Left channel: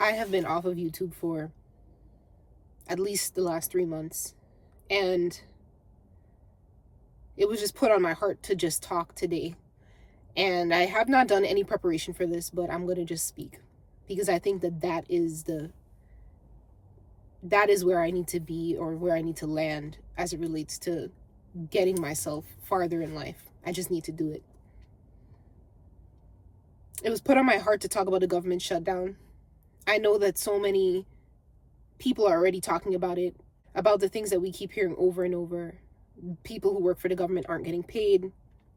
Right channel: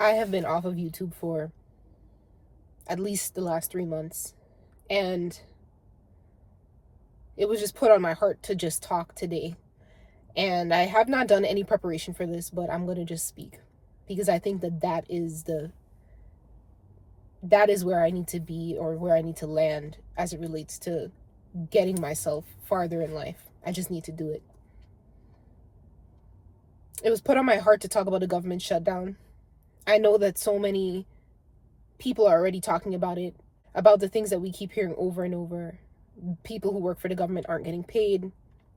I have been off of YouTube for at least the last 3 months, and it was just put on my heart to just talk today. And I have not done any preparation for this, but I'm going to just speak because I think that that is where I need to be, or where I need to land as it relates to getting myself farther in life. I just need to do it. It was put on my heart to talk about the government shutdown. I know that so many people are already talking about it, about the things that we keep hearing over and over. People who work for the government aren't getting paid.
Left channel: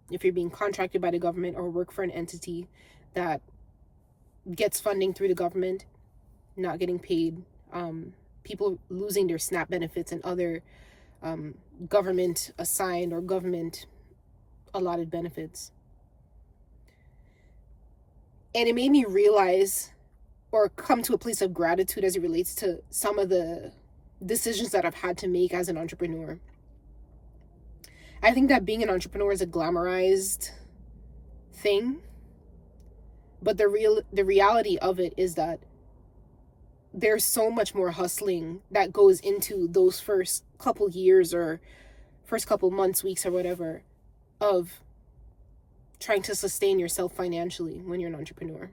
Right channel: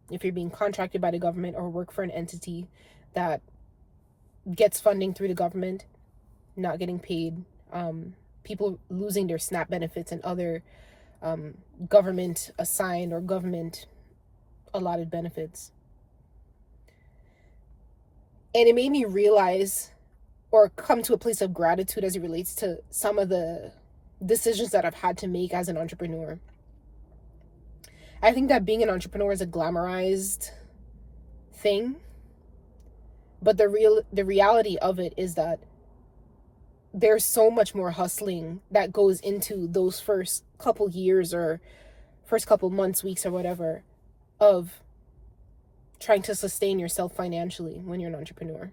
If you're being contracted by the government or work for an entity that gets funding through the government, not getting paid. People losing their SNAP benefits and other government assigned or government allotted benefits. And it made me realize or come to a place of gratitude as it relates to some of the decisions that I've had to make as an entrepreneur. I think that being an entrepreneur is a glamorized thing, but the reality of it is that there's so much more hustling that goes into those first couple years or first couple months, weeks, or whatever, of trying to sustain yourself financially when you're an entrepreneur.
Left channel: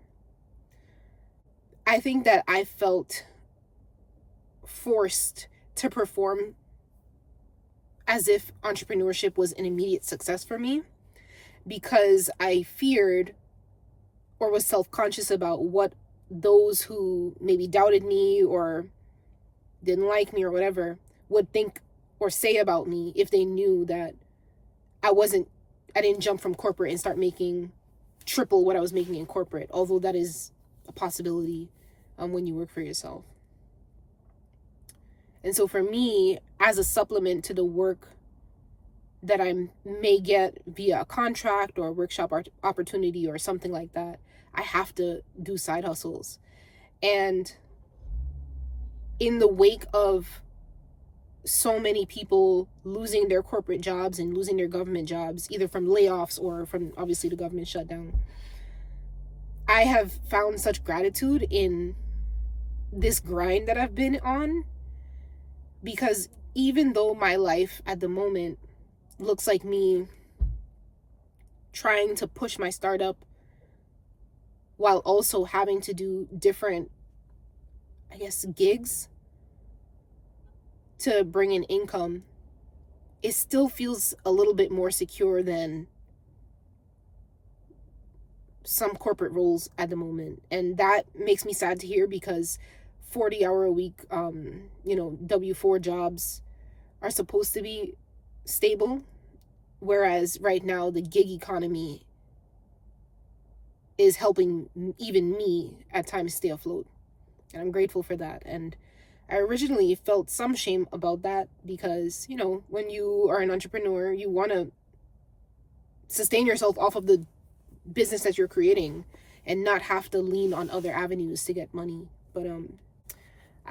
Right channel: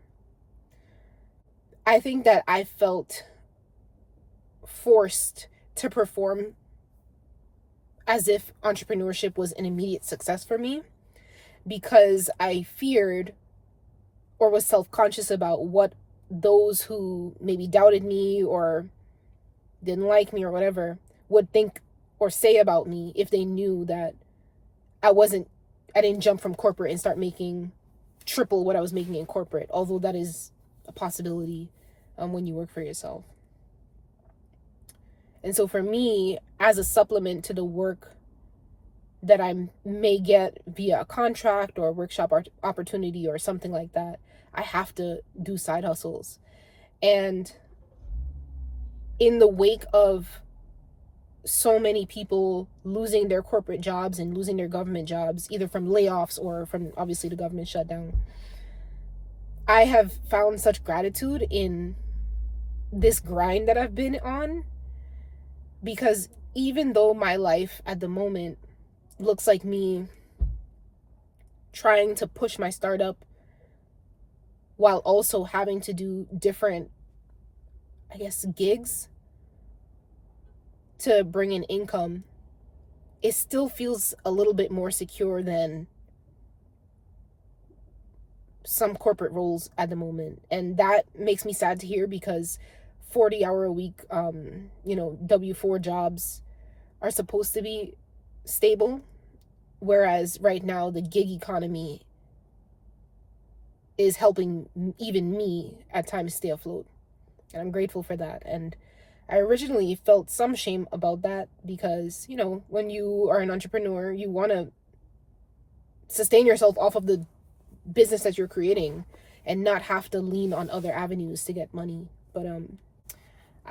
I think that I felt forced to perform as if entrepreneurship was an immediate success for me, because I feared or was self-conscious about what those who maybe doubted me or didn't like me or whatever would think or say about me if they knew that I didn't jump from corporate and start making triple what I was making in corporate, although that is a possibility when you work for yourself. And so for me, as a supplement to the work that I may get via a contract or a workshop opportunity or something like that, I have to do side hustles. And in the wake of so many people losing their corporate jobs and losing their government jobs, either from layoffs or from obviously the government shutdown, I have found such gratitude in this grind that I've been on, because even though my life at the moment looks like me trying to push my startup while also having to do different, I guess, gigs to bring in income, it still feels a little bit more secure than some corporate roles at the moment. And that makes me sad to hear, because 40-hour a week, W-4 jobs are supposed to be stable. Whereas right now the gig economy is helping even me at times stay afloat. And I'm grateful for that. And I originally felt some shame about that because, when you are an entrepreneur, you want to sustain yourself off of the business that you're creating and not have to lean on other avenues to get money. But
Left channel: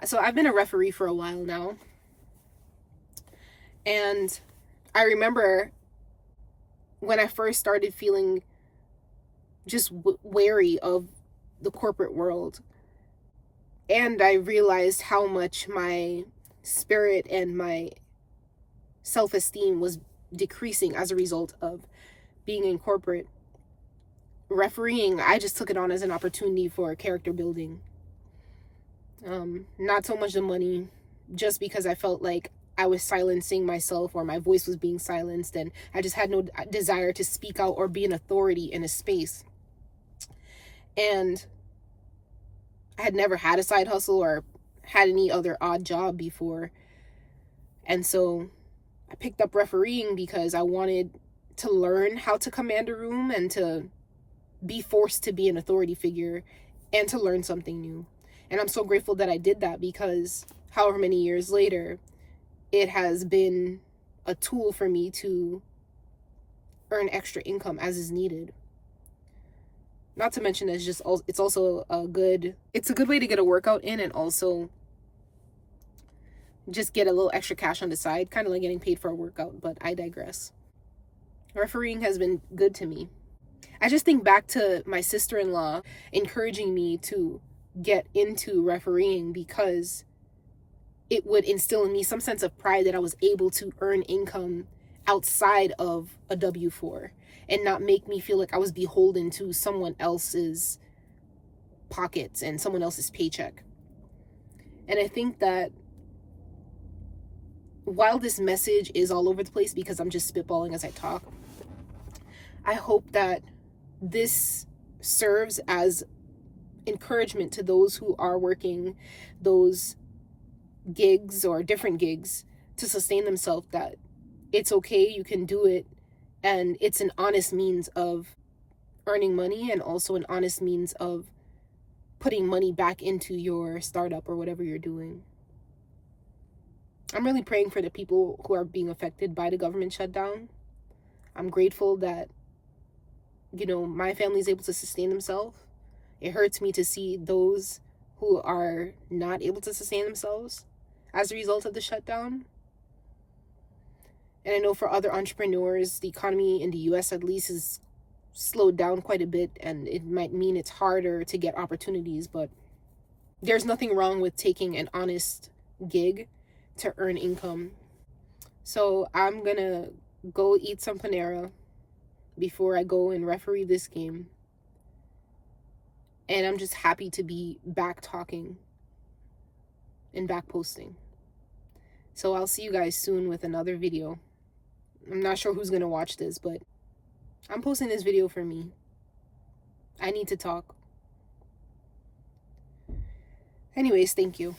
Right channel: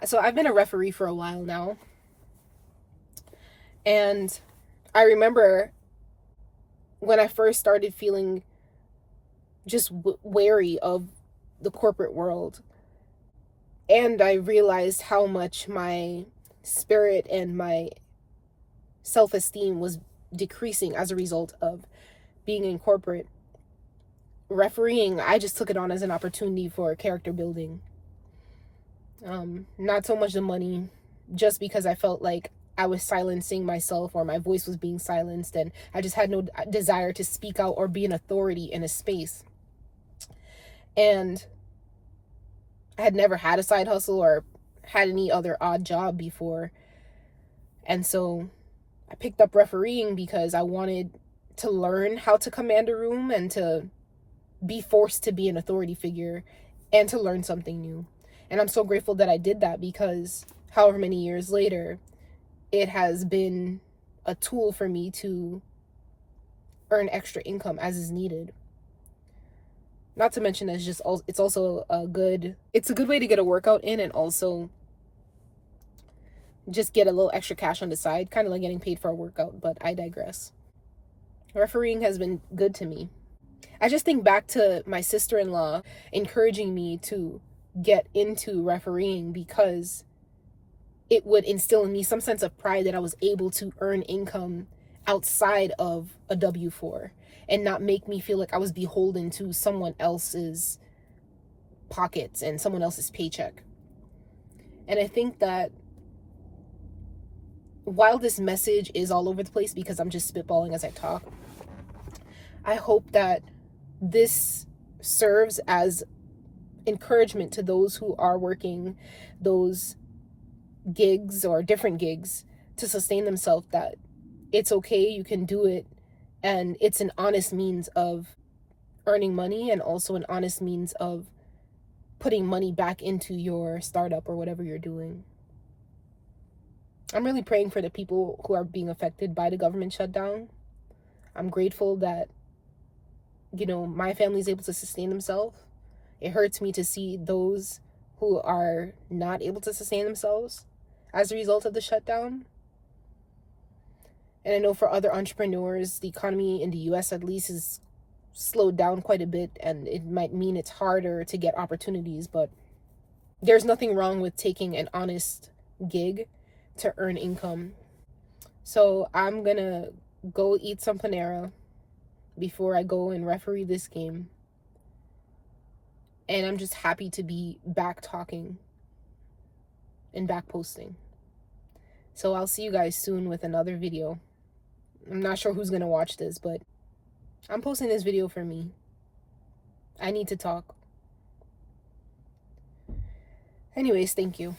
so I've been a referee for a while now. And I remember when I first started feeling just wary of the corporate world, and I realized how much my spirit and my self-esteem was decreasing as a result of being in corporate. Refereeing, I just took it on as an opportunity for character building. Not so much the money, just because I felt like I was silencing myself, or my voice was being silenced, and I just had no desire to speak out or be an authority in a space. And I had never had a side hustle or had any other odd job before. And so I picked up refereeing because I wanted to learn how to command a room and to be forced to be an authority figure and to learn something new. And I'm so grateful that I did that, because however many years later, it has been a tool for me to earn extra income as is needed. Not to mention it's also a good way to get a workout in and also just get a little extra cash on the side, kind of like getting paid for a workout, but I digress. Refereeing has been good to me. I just think back to my sister-in-law encouraging me to get into refereeing because it would instill in me some sense of pride that I was able to earn income outside of a W-4 and not make me feel like I was beholden to someone else's pockets and someone else's paycheck. And I think that while this message is all over the place because I'm just spitballing as I talk, I hope that this serves as encouragement to those who are working those gigs or different gigs to sustain themselves, that it's okay, you can do it, and it's an honest means of earning money and also an honest means of putting money back into your startup or whatever you're doing. I'm really praying for the people who are being affected by the government shutdown. I'm grateful that, my family is able to sustain themselves. It hurts me to see those who are not able to sustain themselves as a result of the shutdown. And I know for other entrepreneurs, the economy in the US at least is slowed down quite a bit, and it might mean it's harder to get opportunities, but there's nothing wrong with taking an honest gig to earn income. So I'm gonna go eat some Panera before I go and referee this game. And I'm just happy to be back talking and back posting. So I'll see you guys soon with another video. I'm not sure who's gonna watch this, but I'm posting this video for me. I need to talk. Anyways, thank you.